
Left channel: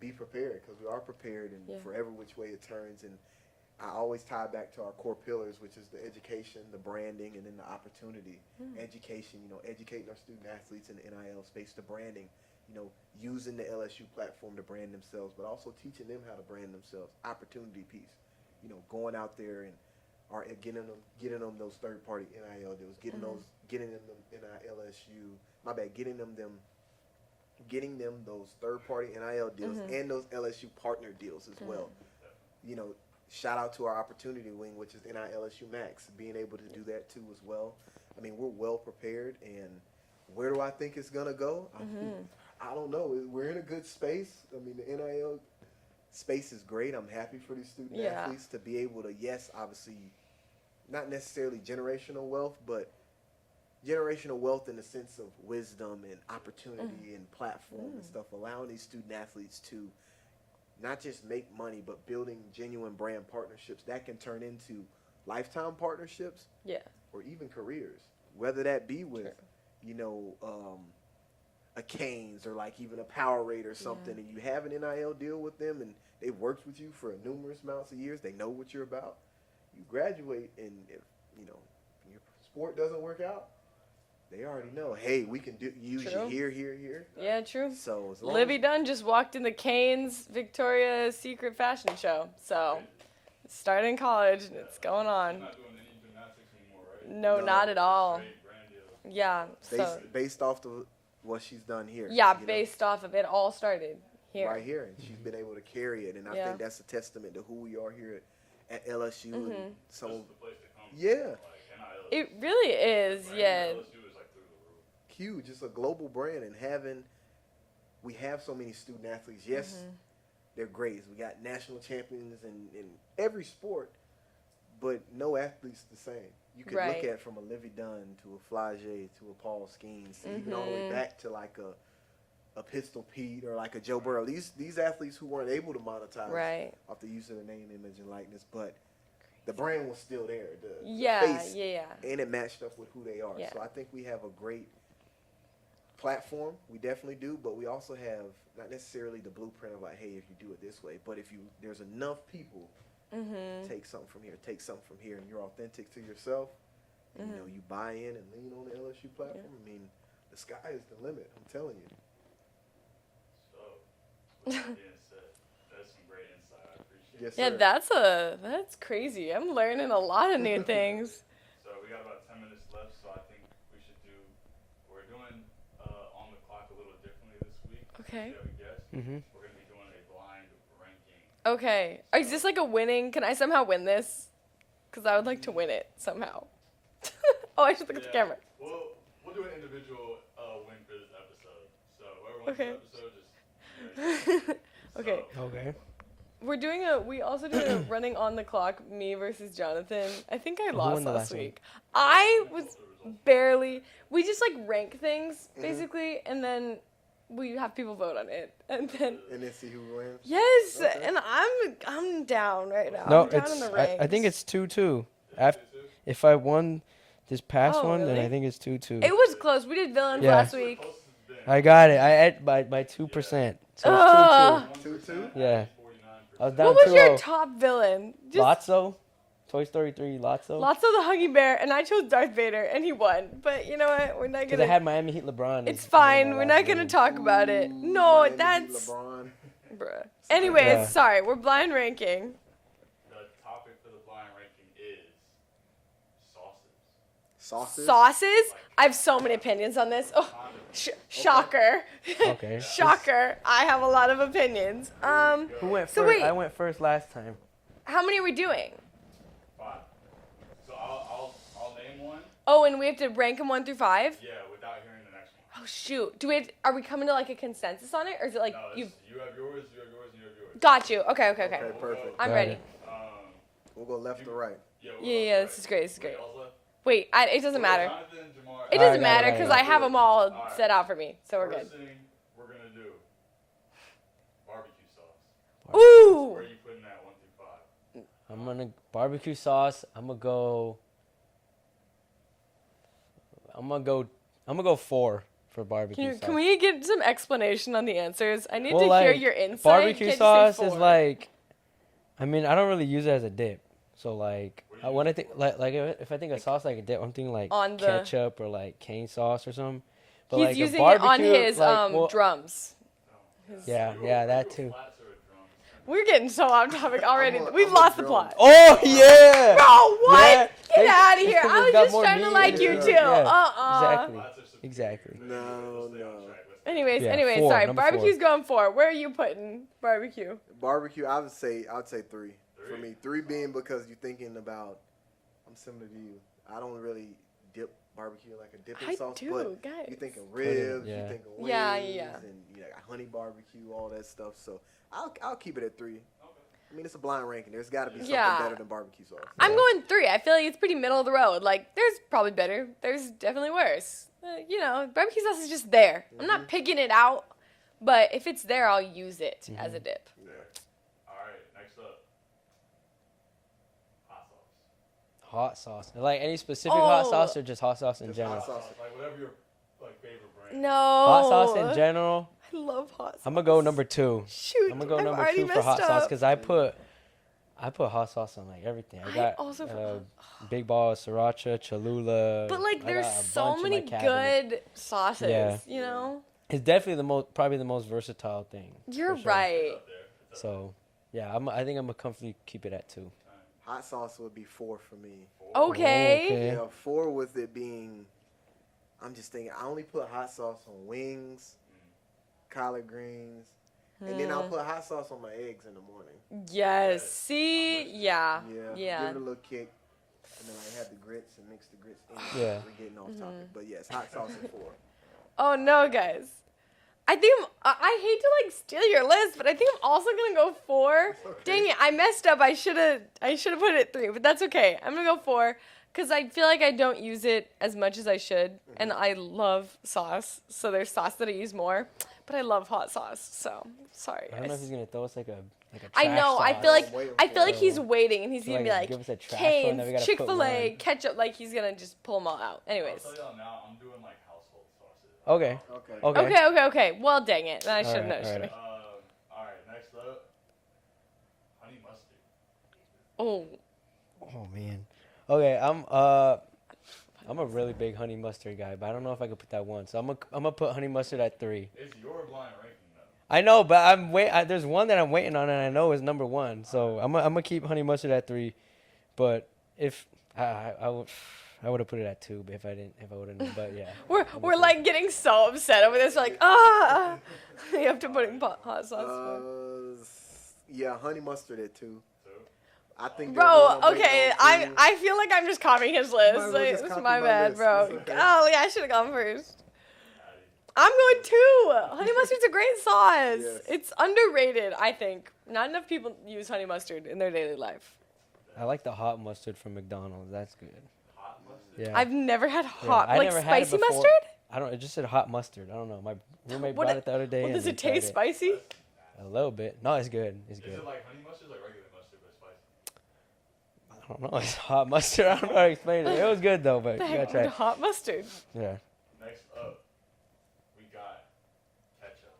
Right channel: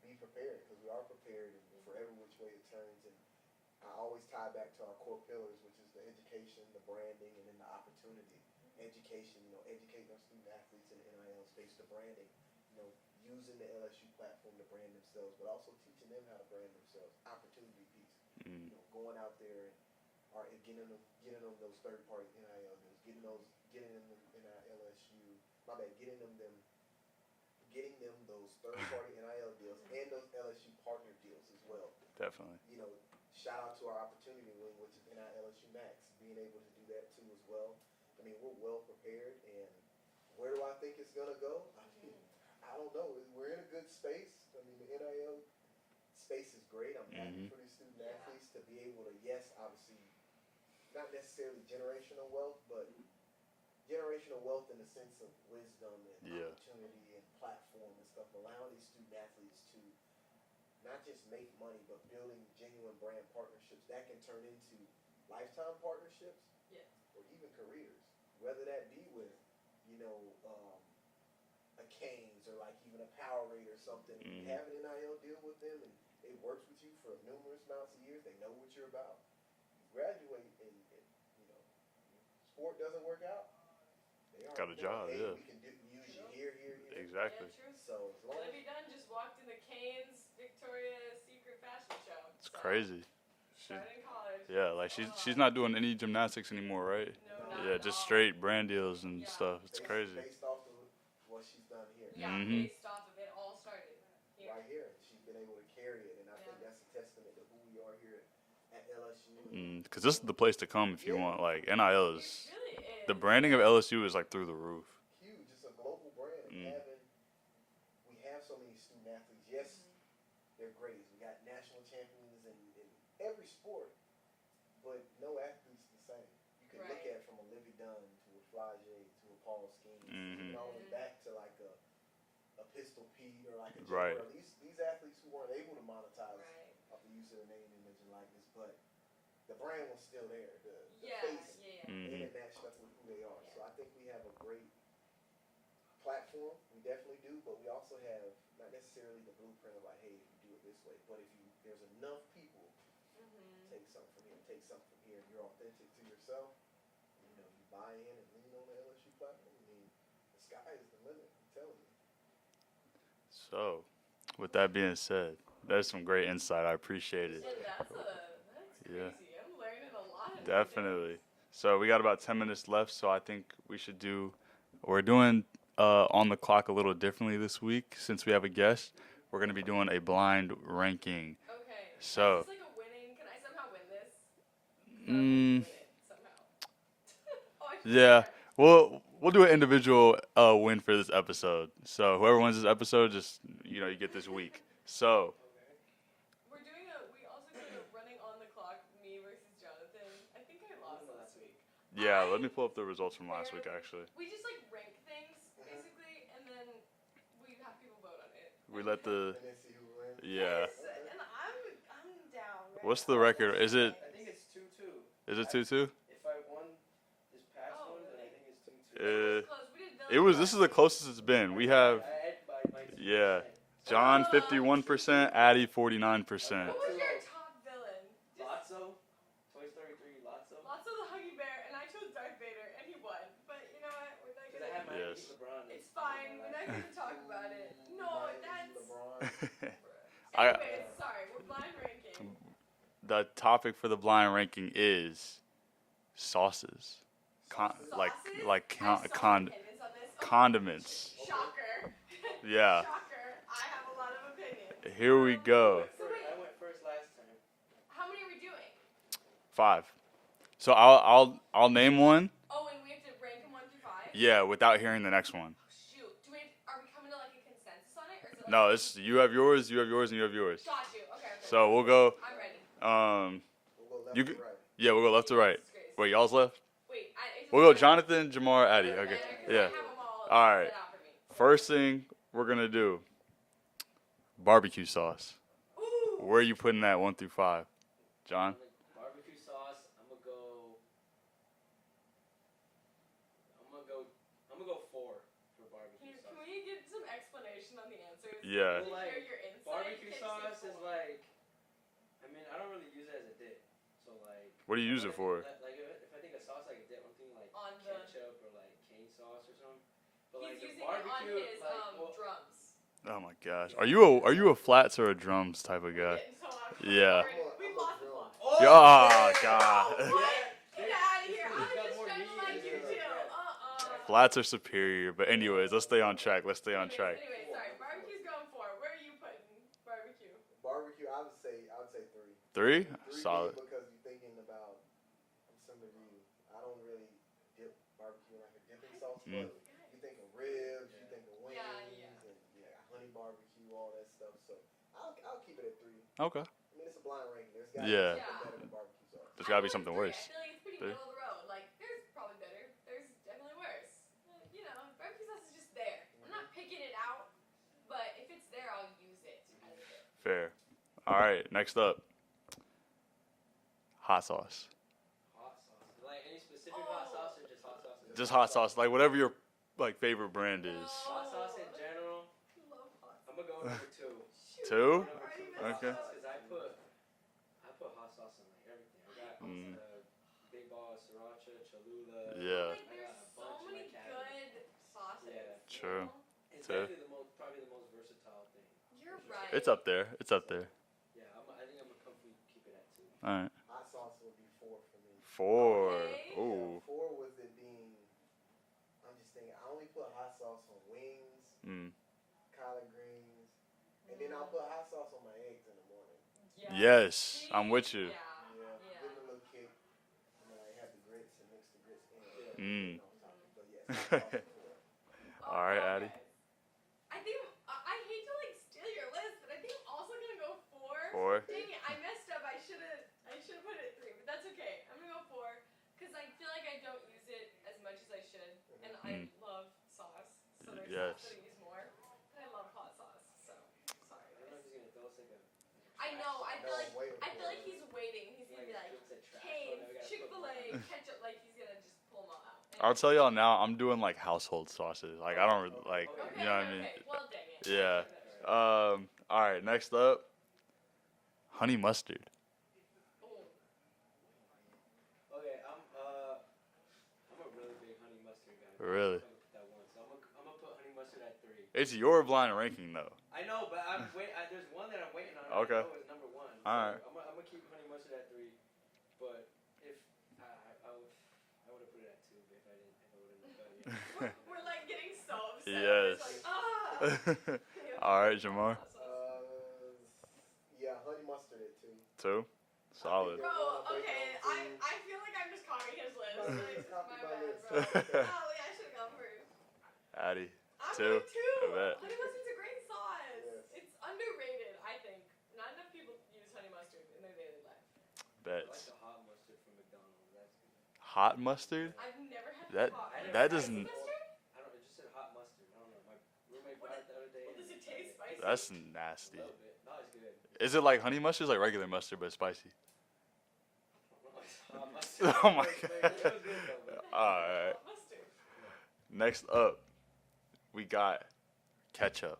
be prepared, because we are prepared in forever which way it turns. And I always tie back to our core pillars, which is the education, the branding, and then the opportunity. Education, educating our student athletes in the NIL space, the branding, using the LSU platform to brand themselves, but also teaching them how to brand themselves. Opportunity piece, going out there and getting them those third-party NIL deals, getting them those third-party NIL deals and those LSU partner deals as well. Definitely. Shout out to our opportunity wing, which is NILSU Max, being able to do that too as well. I mean, we're well prepared, and where do I think it's gonna go? I don't know. We're in a good space. I mean, the NIL space is great. I'm happy for these student athletes to be able to, obviously, not necessarily generational wealth, but generational wealth in the sense of wisdom and opportunity and platform and stuff, allowing these student athletes to not just make money, but building genuine brand partnerships that can turn into lifetime partnerships, or even careers. Whether that be with, a Canes or like even a Powerade or something, and you have an NIL deal with them, and they've worked with you for numerous amounts of years. They know what you're about. You graduate, and if your sport doesn't work out, they already know. Hey, we can use you here. Exactly. Yeah, true. So as long Livy Dunn just walked in the Canes Victoria's Secret fashion show. So crazy. Started in college. Yeah, it's like going on. she's not doing any gymnastics anymore, right? No, not at all. Just straight brand deals and stuff. based off of what she's done here. Yeah, based off of it all started here. Right here, and she's been able to carry it, and I think that's a testament to who we are here at LSU. Because this is the place to come if you want, like, NIL It is. really is. The branding of LSU is, like, through the roof. Huge. It's a global brand, and we have so many student athletes. Yes, they're great. We got national champions in every sport, but no athlete's the same. You could look at from a Livy Dunn to a Flage to a Paul Skeens, even all the way back to like a Pistol Pete or like a Joe Burrow. These athletes who weren't able to monetize off the use of their name, image, and likeness, but the brand was still there. The face, and it matched up with who they are. So I think we have a great platform. We definitely do, but we also have not necessarily the blueprint of like, hey, if you do it this way, but if there's enough people. Take something from here, and you're authentic to yourself. You buy in and lean on the LSU platform. I mean, the sky is the limit. I'm telling you. So, with that being said, that's some great insight. I appreciate it. Yeah, that's crazy. I'm learning a lot of new things. So we got about 10 minutes left. So I think we should do. We're doing on the clock a little differently this week since we have a guest. We're going to be doing a blind ranking. Okay. So, is this like a winning? Can I somehow win this? Because I would like to win it somehow. I should put the camera. We'll do an individual win for this episode. So whoever wins this episode, just you get this week. So we also do a running on the clock, me versus Jonathan. I think I lost last week. Yeah, I let me pull was up the results from barely. last week, we just like rank things basically, and then we have people vote on it, and then see who wins. Yes, and I'm down right What's now. the record? Is it? I think it's 2-2. Is it 2-2? If I won this past one, really? then I think it's 2-2. It was close. We did villains This last is week. the closest it's been. I got it. I had by 2%. So 51%, Addi 49%. What was your top villain? Lotso, Toy Story 3, Lotso. Lotso the Huggy Bear, and I chose Darth Vader, and he won. But you know what? We're not Because gonna. I had Miami Heat LeBron. It's fine. We're not gonna talk about it. No, that's. Bruh. Anyways, sorry. We're blind ranking. The topic for the blind ranking is sauces. Sauces? Sauces? Like I have so many opinions on this. Oh, condiments. shocker. Okay. Yeah. Shocker. I have a lot of opinions. Here we go. Who went So first? wait. I went first last time. How many are we doing? 5. So I'll name one. Oh, and we have to rank them 1 through 5? Yeah, without hearing the next one. Oh, shoot. Are we coming to like a consensus on it? Or is it like. No, it's you have yours, you have yours, and you have yours. Got you. Okay. So we'll go. I'm Got ready. it. We'll go left You to g- right. Yeah, we'll go left to Yeah, right. this is great, this is Wait, great. y'all's left. Wait, it doesn't We'll go matter. Jonathan, Jemar. It Addi. doesn't matter because I right. have them all right. set out for me. So First thing we're gonna do. Barbecue sauce. Ooh. Where are you putting that 1 through 5? John. I'm gonna barbecue sauce. I'm gonna go 4 for barbecue sauce. Can we get some explanation on the answers? I Yeah. need Well, to hear like, your insight. Barbecue Can't sauce you say is 4? like, I mean, I don't really use it as a dip. So like, What do you I use wanna it think for? like if I think of sauce like a dip, I'm thinking like On the- ketchup or like cane sauce or something. But He's like a using it on barbecue, his like, well, drums. Oh my gosh. Yeah, are you yeah, a that too. flats or a drums type of We're guy? getting so off topic Yeah. already. I'm a- We've I'm a lost the drum. plot. Oh yeah. Bro, what? Yeah. Get It's- out of it's here. 'cause I it's was got just more trying to meat like in you it. too. Yeah. Exactly. Flats are superior, Exactly. but anyways, let's stay on track. Let's stay on Anyways, track. Yeah, 4, sorry. number Barbecue's going 4. Where are you putting barbecue? Barbecue, I'd say 3. 3? I mean, 3 Solid. being because you're thinking about. I'm similar to you. I don't really dip barbecue like a dipping I sauce, do, but guys. you think of ribs, yeah. you think of wings, Yeah, yeah. and you know, honey barbecue, all that stuff. So I'll keep it at 3. Okay. I mean, it's a blind ranking. There's got to Yeah. be something Yeah. better than barbecue sauce. I'm gotta be going something 3. I worse. feel like it's pretty middle of the road. Like, there's probably better. There's definitely worse. You know, barbecue sauce is just there. I'm not picking it out, but if it's there, I'll use it as a dip. Fair. All right. Next up. Hot sauce. Hot sauce. Like any specific hot Oh. sauce or just hot sauce in Just Just general? hot sauce, like whatever your like favorite brand No. is. Hot sauce in general. I love hot sauce. I'm gonna go number 2. Shoot, Two? I'm gonna go I've number already 2 for messed hot up. sauce because I put hot sauce on like everything. I I got also put big ball of sriracha, Cholula. But like, I there's got a so bunch in many my cabinet. good sauces. Yeah. You Sure. know, It's definitely probably the most versatile thing. you're for sure. right. It's up there. It's up So there. yeah, I think I'm gonna comfortably keep it at 2. All right. Hot sauce would be 4 for me. 4. Okay. Okay. Yeah, 4 with it being. I'm just thinking. I only put hot sauce on wings, Mm. collard greens, and then I'll put hot sauce on my eggs in the morning. Yes. Yes, See, I'm with you. yeah. Give it a little kick, and then I have the grits and mix the grits in. Yeah. Getting off topic, but yes, hot sauce at 4. Oh All no, right, Addi. guys. I think I hate to like steal your list, but I think I'm also gonna go 4. 4. Dang it, I messed up. I should have put it at 3, but that's okay. I'm gonna go 4 because I feel like I don't use it as much as I should, and I love sauce. So there's sauce that I use more, but I love hot sauce. So sorry, I don't know if guys. he's gonna throw us like a I trash know. I sauce. feel like Waiting I feel for like it. he's waiting, and he's So, gonna be like give us a trash one Cane's, that we gotta put Chick-fil-A, one. ketchup. Like he's gonna just pull them all out. Anyway. I'll tell y'all now. I'm doing like household sauces. Like, Okay. I don't really, like, Okay. Okay, you know okay, what I okay. mean? Well, dang it. I Yeah. should have known. Alright, should've. All right. Next up. Honey mustard. Oh, Oh man. Okay, I'm a really big honey mustard guy, but I don't know Really? if I could put that 1. So I'm gonna put honey mustard at 3. It's your blind ranking though. I know, but there's one that I'm waiting on, and I Okay. know is number 1. So Alright. I'm gonna keep honey mustard at 3. But if I would have put it at 2, if I would have known. But yeah. we're like getting so upset over this. Like, ah, you have to All put right, in Jemar. hot sauce. Yeah, honey mustard at 2. 2. I Solid. think Bro, they're okay, gonna make I feel like I'm just copying his Might list. as well Like, just it's copy my my bad, list. bro. Golly, I should have gone first. Addi. I'm going 2. Yeah. Honey mustard's a great sauce. Yes. It's underrated, I think. Not enough people use honey mustard in their daily life. I like the hot mustard from McDonald's. That's good. hot mustard. Yeah. I've never had That- hot, I like never had it spicy before. mustard. I don't. It just said hot mustard. I don't know. My roommate What brought it- it the other day. Well, and does we it tried taste spicy? That's A nasty. little bit. No, it's good. It's Is good. it like honey mustard, or like regular mustard but spicy? I don't know. It's hot mustard. I don't know how to explain it. It was good though, but The you gotta heck, try the it. hot mustard. Yeah. Next up, we got ketchup.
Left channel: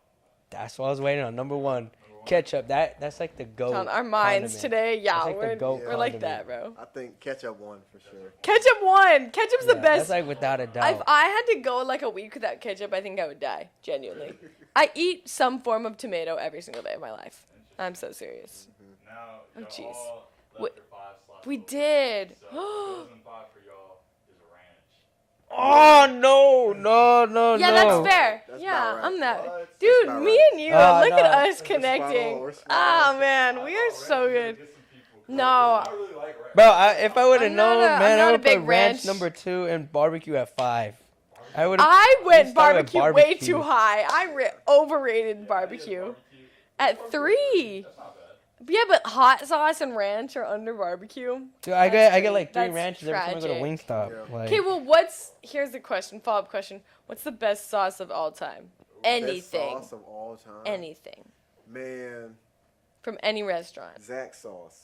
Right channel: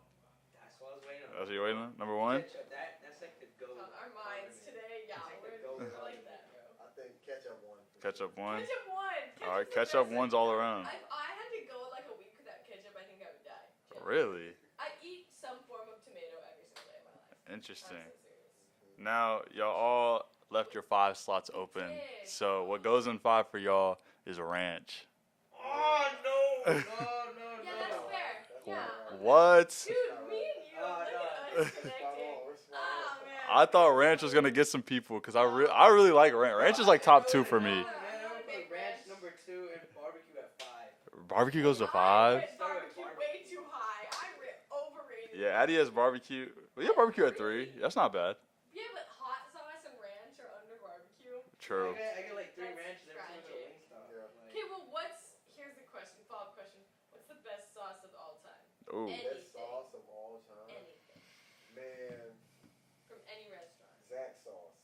That's what I was waiting on. Number You 1. waiting on number 1. Ketchup. That's like the goat. On our minds condiment. today, yeah, That's like the goat we're like condiment. that, bro. I think ketchup 1 for sure. Ketchup 1. Ketchup 1. Ketchup's the Alright, best. That's like one's all without a around. doubt. If I had to go like a week without ketchup, I think I would die. Genuinely. Really? I eat some form of tomato every single day of my life. Interesting. I'm so serious. Now, y'all jeez. all left We- your 5 slots we open. did. So what goes in 5 for y'all is ranch. Oh no! Yeah, that's fair. That's yeah, not right. I'm that. What? Dude, That's not me right. and you, Oh, look at no. us connecting. We're spot on. Oh man, I we thought are ranch so was gonna good. get some people because No. I really like ranch. Bro, Ranch is like if top I two would for have me. known, I'm man, not I a would big put ranch ranch. number 2 and barbecue at 5. Barbecue. I goes would've- to I five. went Start with barbecue way barbecue. too high. I overrated Yeah, Addi has barbecue. barbecue. We At got barbecue three. That's not bad. Yeah, but hot sauce and ranch are under barbecue. Dude, I That's get like 3 that's ranches every time I go to tragic. Wingstop. Yeah. Like, Okay, well, here's the question, follow-up question. What's the best sauce of all time? Ooh. Anything. Best sauce of all time. Anything. Man, From any restaurant. Zach sauce.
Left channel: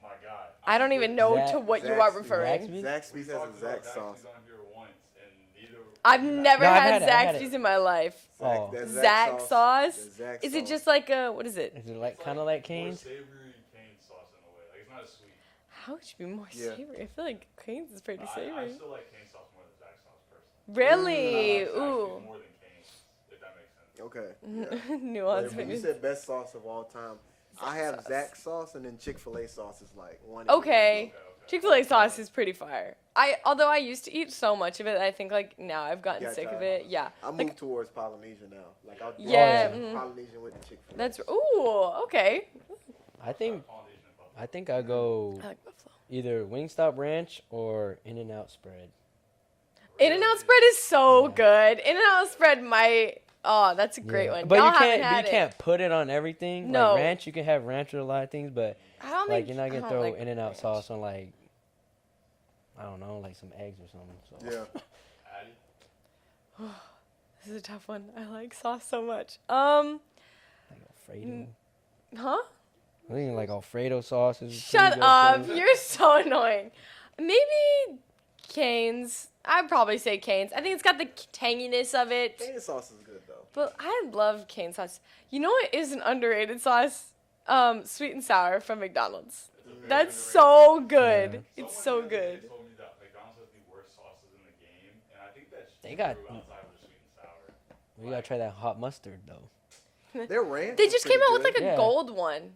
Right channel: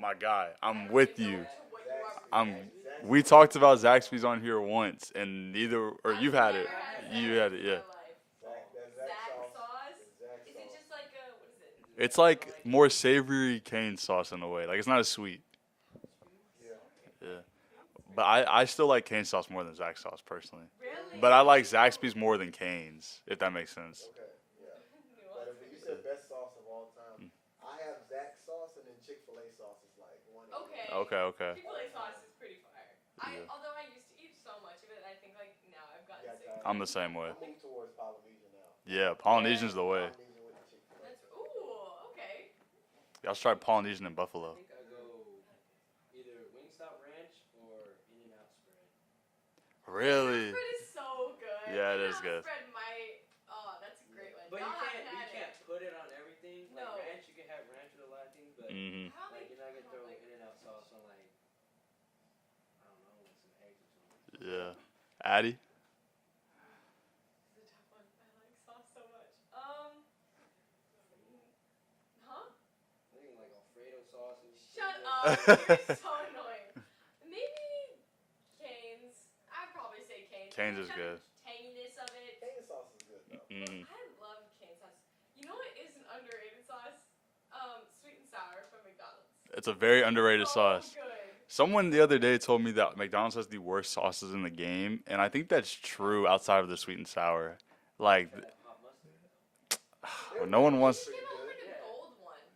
My God. I don't with even know you. to what you are Zaxby's. referring. Zaxby's? Zaxby's We has talked about Zach Zaxby's sauce. on here once, and neither. I've you've never No, I've had had it, I've had Zaxby's it. in my Yeah. life. Oh. That Zach sauce? that Zach Is it sauce. just like a, what is it? is it It's kinda like more Cane's? savory cane sauce in a way. Like it's not as sweet. How would you be more Yeah. savory? I feel like Cane's is pretty But I savory. still like cane sauce more than Zach sauce personally. Really? But I like Zaxby's Ooh. more than Cane's, if that makes sense. Okay. Yeah. Nuance, Like, when you maybe. said best sauce of all time, I have sauce. Zach sauce, and then Chick-fil-A sauce is like one. Okay. Okay. Chick-fil-A sauce is pretty fire. Although I used to eat so much of it, I think like now I've gotten Yeah, sick of I'm it. I'm the yeah. same way. I moved towards Polynesia now. Yeah, I'm Polynesia's the way. Polynesian with the Chick-fil-A. That's okay. Y'all I try think- Polynesian in Buffalo. I think I go I like buffalo. either Wingstop ranch or In-N-Out spread. In-N-Out Really? spread is so Yeah. good. Yeah, it In-N-Out is good. spread might. Oh, that's a great Yeah. one. But Y'all you haven't can't, had you it. can't put it on everything. No. Like ranch, you can have ranch with a lot of things, but Mhm. I don't like think you're not I gonna don't throw like In-N-Out ranch. sauce on like, I don't know, like some eggs or something. So, Yeah. Addi? This is a tough one. I like sauce so much. like Alfredo. Huh? I think like Alfredo sauce is. Shut pretty good up. too. You're so annoying. Maybe Cane's. I'd probably say Cane's. I think Cane's it's got the is tanginess of it. Cane sauce is good though. But Mhm. I love cane sauce. You know what is an underrated sauce? Sweet and sour from McDonald's. It's a very That's underrated so sauce. good. Yeah. It's Someone so the other day good. told me that McDonald's has the worst sauces in the game, and I think that's They got- true outside of the sweet and sour. You gotta Like, try that hot mustard though. Their No one ranch They is just pretty came out with good. like a Yeah. gold one.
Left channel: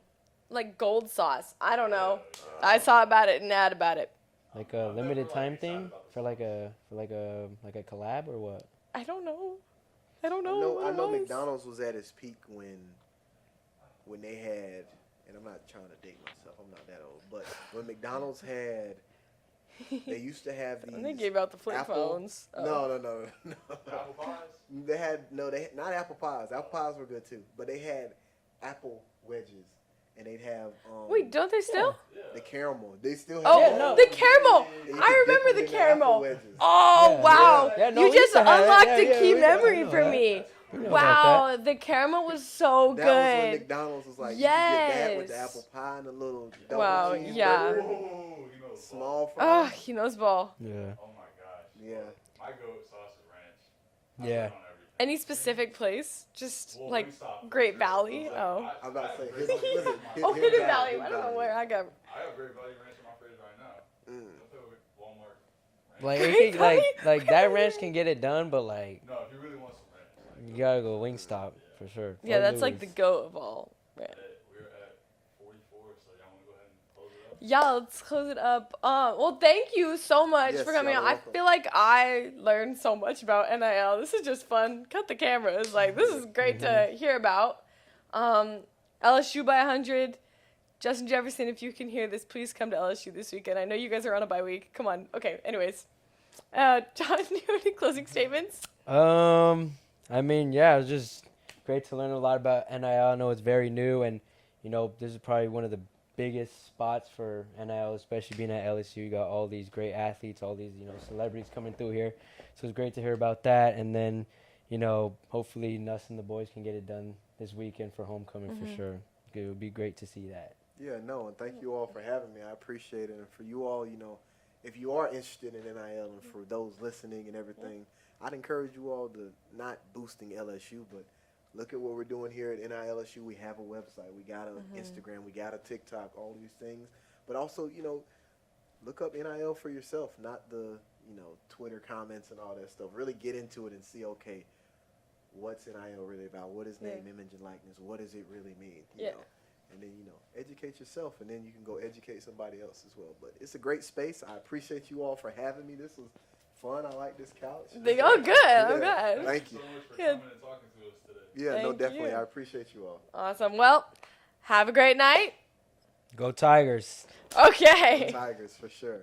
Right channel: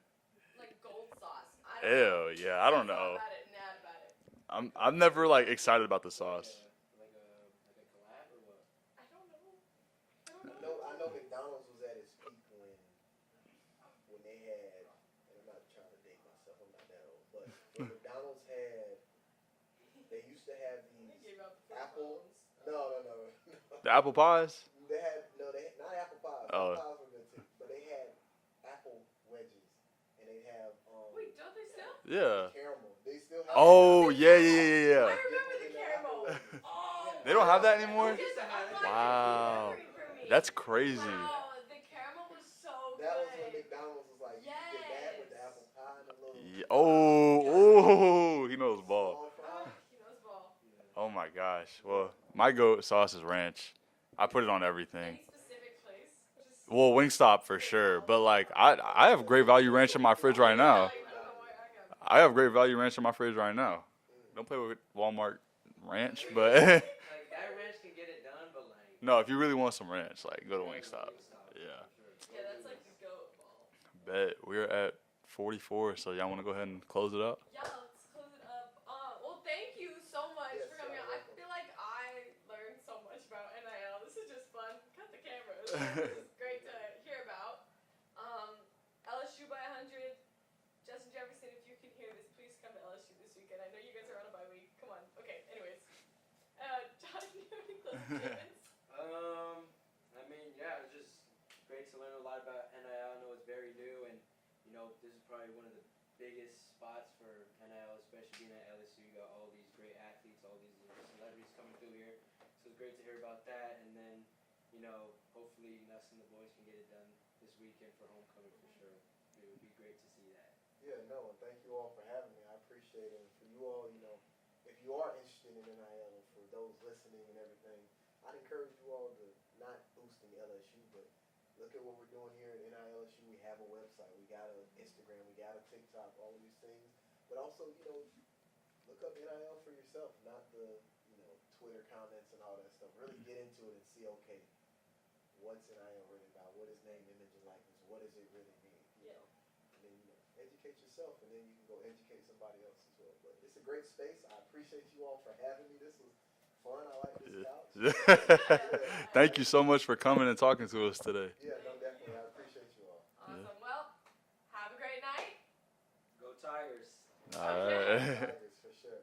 Like gold sauce. I don't know. ew, yeah. I don't saw know. about it and ad about it. I'm Like a never limited like time excited thing about the for sauce. like a collab or what? I don't know. I don't I know. know, what I it know was. McDonald's was at its peak when they had, and I'm not trying to date myself, I'm not that old, but when McDonald's had, they used to have these. And they gave out the flip apple- phones. Oh. No. The apple pies? They had not apple pies. Apple Oh. pies were good too, but they had apple wedges, and they'd have Wait, don't they still? Yeah. the caramel. They still have Oh, that. the caramel. Yeah. I remember the Dipping in apple caramel. wedges. Oh, Yeah. wow. Yeah, no, You we just used to have it. unlocked a Yeah, key yeah, memory yeah. for me. That's crazy. Wow, the caramel was so That was when good. McDonald's was like, you could get that with the Yes. apple pie and the little Oh, Wow, yeah. oh, he knows ball. small Oh, fries. he knows ball. Yeah. Oh my gosh. Yeah. Well, my goat sauce is ranch. I put Yeah. it on everything. Any specific place? Just Well, like, Wingstop for Great sure. Valley? But like, Oh. I have Great Value ranch in my fridge right now. I don't know where I got. I have Great Value ranch in my fridge right now. Mm. Don't play with Walmart ranch. Like, Great but- Value? like that ranch can get it done, but like no, if you really want some ranch, like you gotta go Wingstop. Wingstop Yeah. for sure. Yeah, Or that's like the Louis. goat of all. Right. We're at 44, so y'all want to go ahead and close it up? Yeah, let's close it up. Well, thank you so much Yes, for coming y'all on. I welcome. feel like I learned so much about NIL. This is just fun. Cut the cameras. Like, this is great to hear about. LSU by 100. Justin Jefferson, if you can hear this, please come to LSU this weekend. I know you guys are on a bye week. Come on. Okay, anyways. John, do you have any closing statements? I mean, yeah, it was just great to learn a lot about NIL. I know it's very new, and you know, this is probably one of the biggest spots for NIL, especially being at LSU. You got all these great athletes, all these, you know, celebrities coming through here. So it's great to hear about that. And then, you know, hopefully Nuss and the boys can get it done this weekend for homecoming for sure. It would be great to see that. Yeah, no, and thank you all for having me. I appreciate it. And for you all, you know, if you are interested in NIL and for those listening and everything, I'd encourage you all to not boosting LSU, but look at what we're doing here at NILSU. We have a website. We got an Instagram. We got a TikTok, all these things. But also, you know, look up NIL for yourself, not the, you know, Twitter comments and all that stuff. Really get into it and see, okay, what's NIL really about? What is name, image, and likeness? What does it really mean? You Yeah. know? and then, educate yourself, and then you can go educate somebody else as well. But it's a great space. I appreciate you all for having me. This was fun. I like this couch. Oh, good. I'm good. Thank you so much for coming and talking to us today. Yeah, no, Thank definitely. you. I appreciate you all. Awesome. Well, have a great night. Go Tigers. Okay. Tigers, for sure.